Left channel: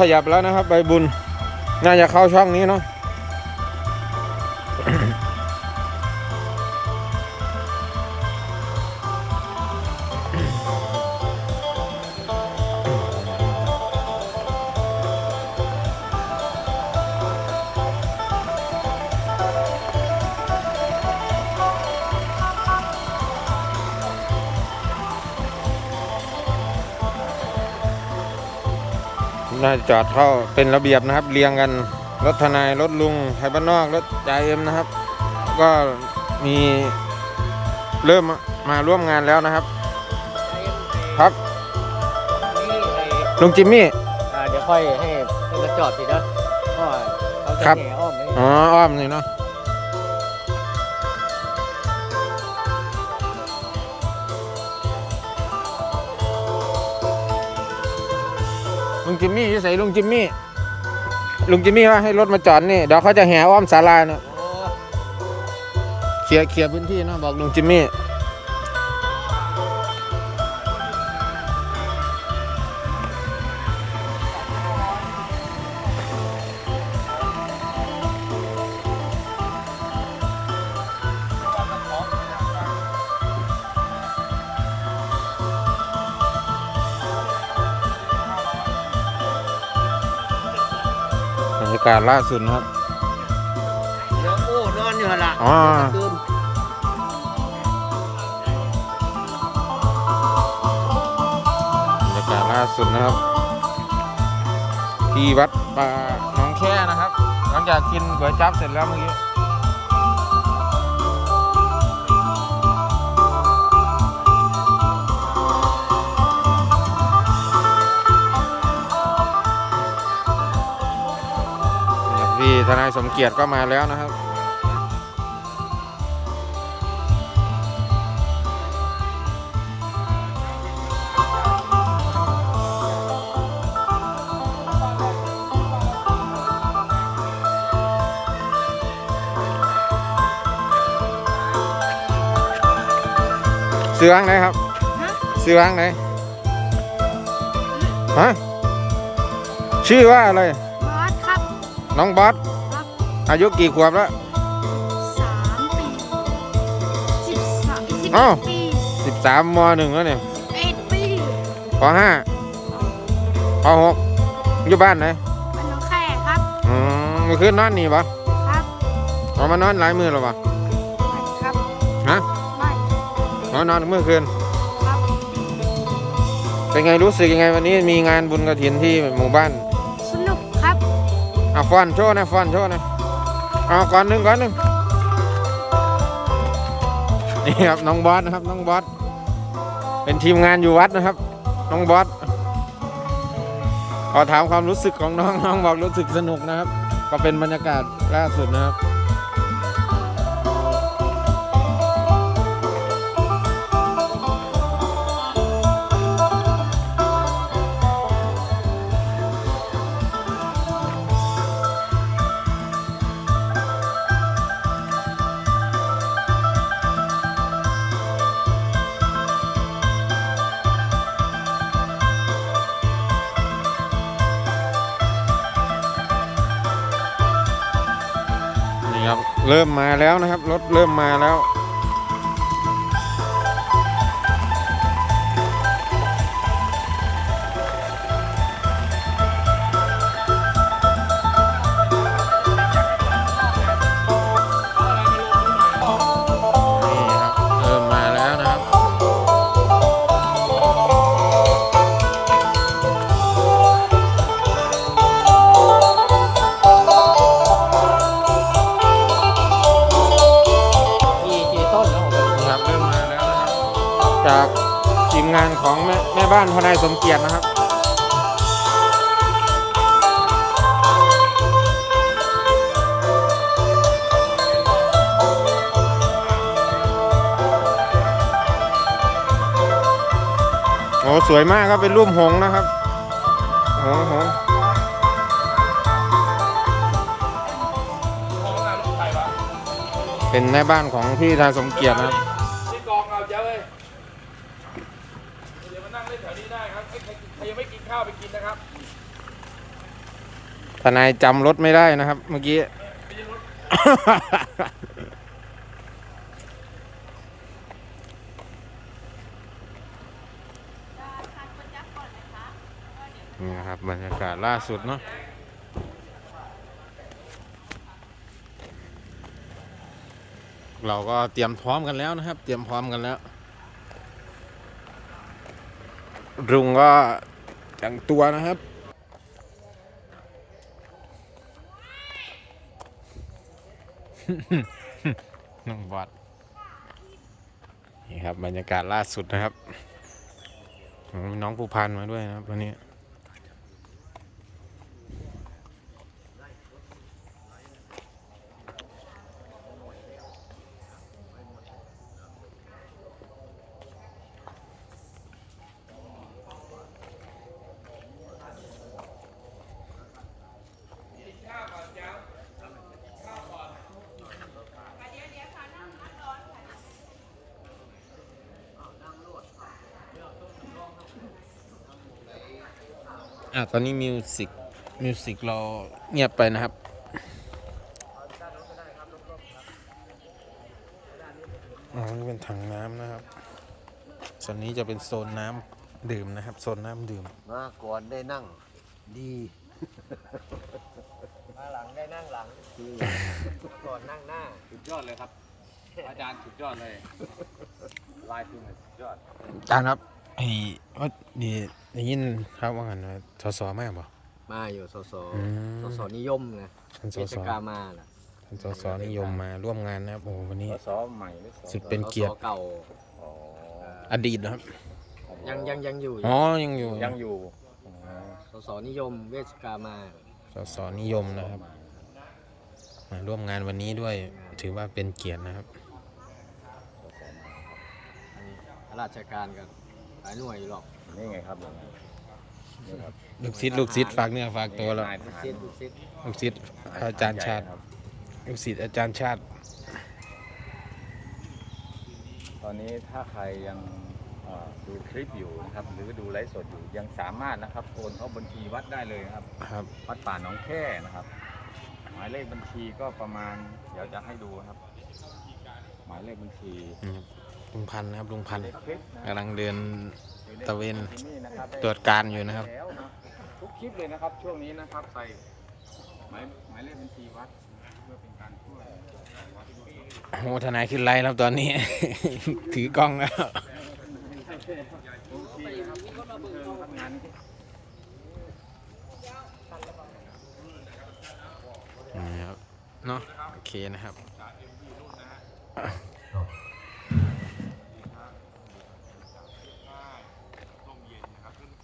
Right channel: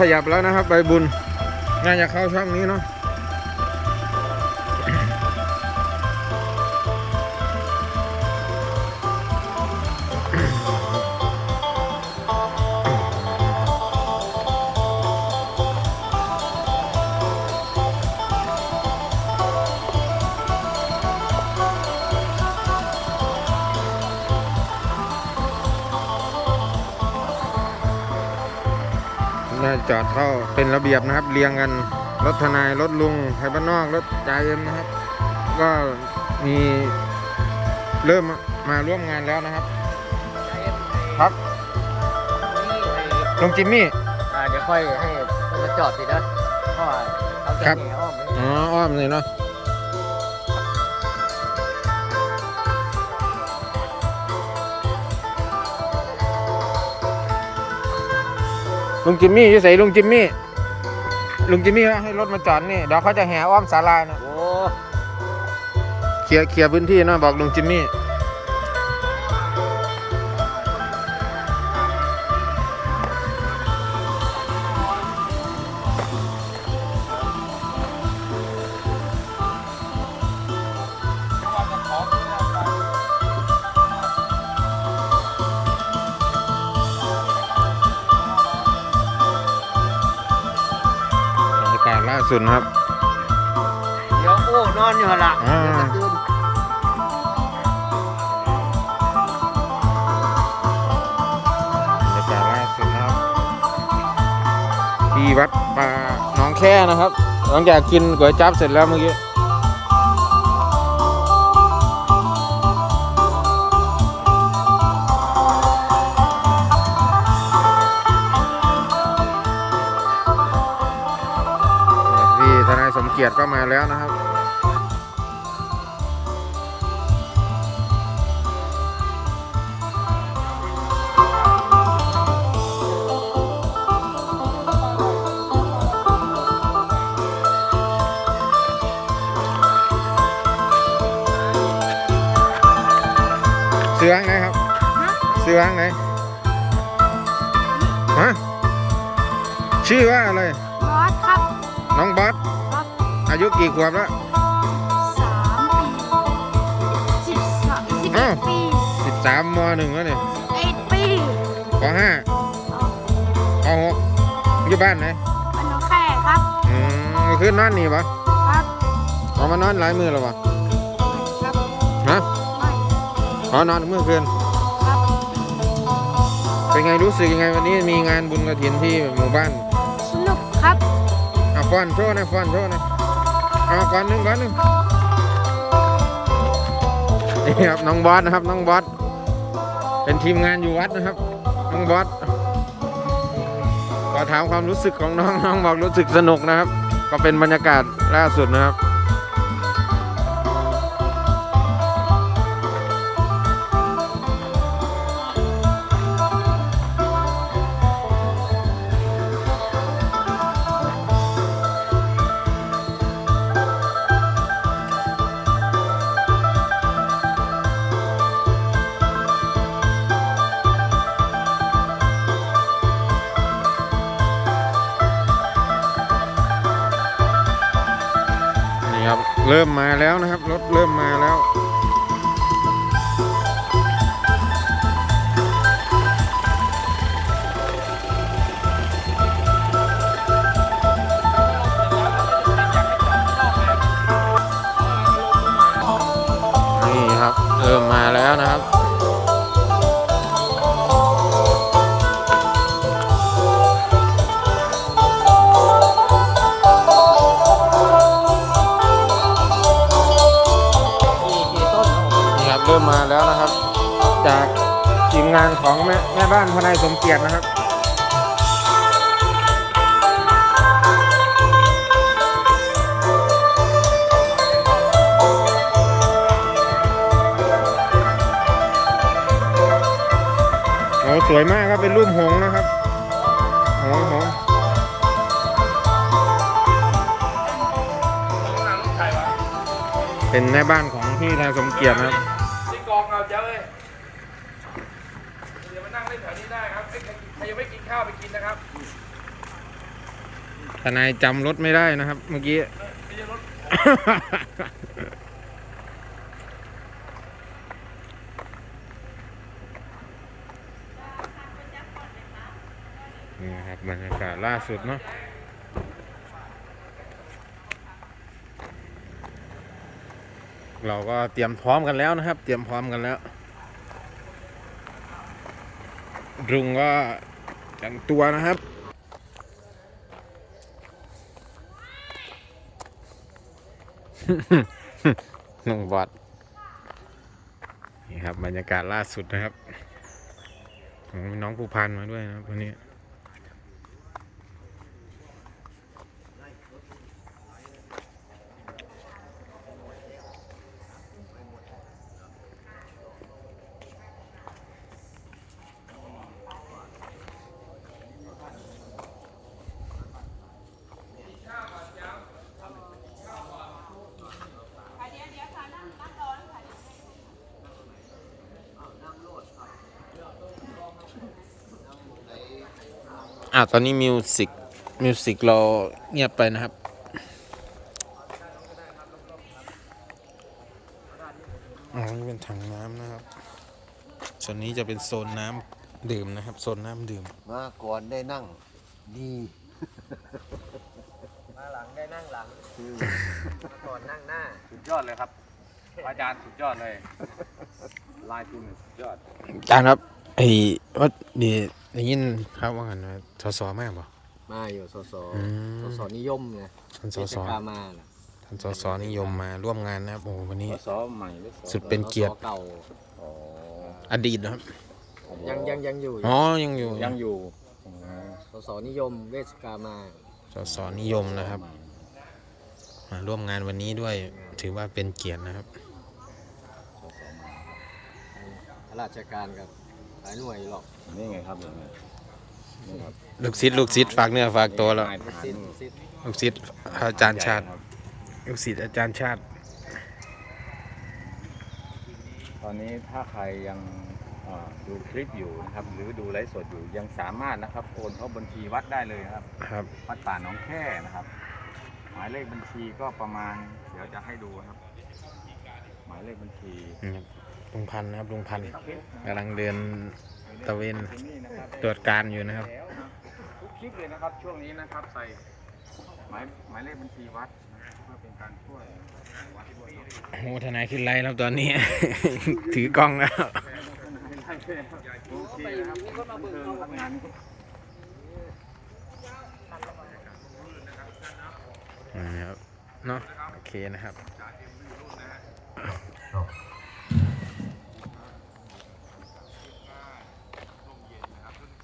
ขยับแล้วนะครับ ใบบุญ น่าจะเข้าช่องนี้เนาะ น่าจะจอดเข้าเป็นระเบียบนะครับ เรียงกันรถทนายรถลุงไทยบ้านนอกรถจ่าเอ็มนะครับ ก็มีเริ่มมามาร่วมงานแล้วนะครับครับนี่ไอ้ลุงจิมมี่อ่าเดี๋ยวค่อยให้เพื่อนมาจอดสินะเพราะว่าเอาครับเสน่ห์อ้อมไว้อ๋ออ้อมนี่เนาะ ลุงจิมมี่ที่ใส่ลุงจิมมี่ ลุงจิมมี่ว่าให้รถมาจอดนี่เดี๋ยวเขาจะแห่อ้อมศาลาเนี่ยโอ้ เคลียร์เคลียร์พื้นที่เนาะบอกลุงจิมมี่ากาศล่าสุดนะครับ เดี๋ยวโอ้นอนอยู่หั่นละอ๋อ เดี๋ยวจะตื่นบรรยากาศล่าสุดนะครับ ที่วัดป่าหนองแค่นะครับ หลังจากกินก๋วยจั๊บเสร็จแล้วเมื่อกี้ ทนายสมเกียรติก็มาแล้วนะครับซื้อห้างไหนครับซื้อห้างไหนฮะชื่อว่าอะไร บอสครับ น้องบอสครับ อายุกี่ขวบแล้ว สามปีสิบสามสิบอ้าวปีสิบสามมหนึ่งแล้วเนี่ยเอ็ดปีปห้าปหกอยู่บ้านไหนมันน้องแค่ครับอืมเมื่อคืนนอนนี่ปะครับออกมานอนหลายมือแล้วปะไม่ครับฮะไม่อ๋อนอนเมื่อคืน ครับเป็นไงรู้สึกยังไงวันนี้มีงานบุญกระถินที่หมู่บ้านสนุกครับอะฟอนโชว์นะฟอนโชว์นะ เอาก่อนหนึ่งก่อนหนึ่งนี่ครับน้องบอสนะครับน้องบอสเป็นทีมงานอยู่วัดนะครับ น้องบอสก็ถามความรู้สึกของน้องน้องบอกรู้สึกสนุกนะครับ ก็เป็นบรรยากาศล่าสุดนะครับ นี่ครับ เริ่มมาแล้วนะครับ รถเริ่มมาแล้ว นี่ครับ เริ่มมาแล้วนะครับ ครับเริ่มมาแล้วนะครับ จากทีมงานของแม่แม่บ้านทนายสมเกียรตินะครับโอ้สวยมากครับเป็นรูปหงนะครับ หงหงเป็นแม่บ้านของที่ทนายสมเกียรตินะครับ ที่กองเอาเจ้าเอ้ยเดี๋ยวมานั่งเล่นแถวนี้ได้ครับใครใครยังไม่กินข้าวไปกินนะครับ ทนายจำรถไม่ได้นะครับ เมื่อกี้นี่นะครับบรรยากาศล่าสุดเนาะเราก็เตรียมพร้อมกันแล้วนะครับ เตรียมพร้อมกันแล้ว รุงก็แต่งตัวนะครับ ลุงบอดนี่ครับบรรยากาศล่าสุดนะครับมีน้องผู้พันมาด้วยนะครับวันนี้ อะตอนนี้มิวสิกมิวสิกเราเงียบไปนะครับอ๋อนี่เป็นถังน้ำนะครับส่วนนี้จะเป็นโซนน้ำดื่มนะครับ โซนน้ำดื่ม มาก่อนได้นั่งดีก่อนนั่งหน้าสุดยอดเลยครับ อาจารย์สุดยอดเลยลายคุณสุดยอดจานครับไอ้ว่าดี ได้ยินครับว่างันว่าสสมากป่ะมาอยู่สสอืม สสนิยมนะท่านสเทสศกามาน่ะท่านสสนิยมมาร่วมงานนะครับโอ้วันนี้สอใหม่หรือสอสุดเป็นเกียรติ สสเก่าอ๋ออดีตนะครับยังยังยังอยู่อ๋อยังอยู่ยังอยู่สสนิยมเวชกามาสสนิยมนะครับมาร่วมงานวันนี้ด้วยถือว่าเป็นเกียรตินะครับทางข้าราชการกับ หลายหน่วยอยู่หรอกนี่ไงครับอย่างนี้นี่ครับลูกศิษย์ลูกศิษย์ฝากเนื้อฝากตัวแล้วสิ้นสิ้นลูกศิษย์อาจารย์ชาติ ลูกศิษย์อาจารย์ชาติ ตอนนี้ถ้าใครยังเอ่อดูคลิปอยู่นะครับหรือดูไลฟ์สดอยู่ยังสามารถนะครับโอนเข้าบัญชีวัดได้เลยครับ ครับ วัดป่าหนองแค่นะครับ หมายเลขบัญชีก็ประมาณ เดี๋ยวจะให้ดูนะครับ หมายเลขบัญชีนี่ครับ ลุงพันธุ์นะครับลุงพันธุ์กำลังเดินอยู่ใตะเวนที่นี่นะครับตรวจการอยู่นะครับแล้วทุกคลิปเลยนะครับช่วงนี้นะครับใส่หมายหมายเลขบัญชีวัดนะครับเพื่อเป็นการช่วยนะครับของวัดด้วยเนาะโอ้ทนายขึ้นไลน์แล้วตอนนี้ ถือกล้องแล้วโอเคแล้วครับบันเทิงครับงานนี้นี่ครับเนาะโอเคนะครับ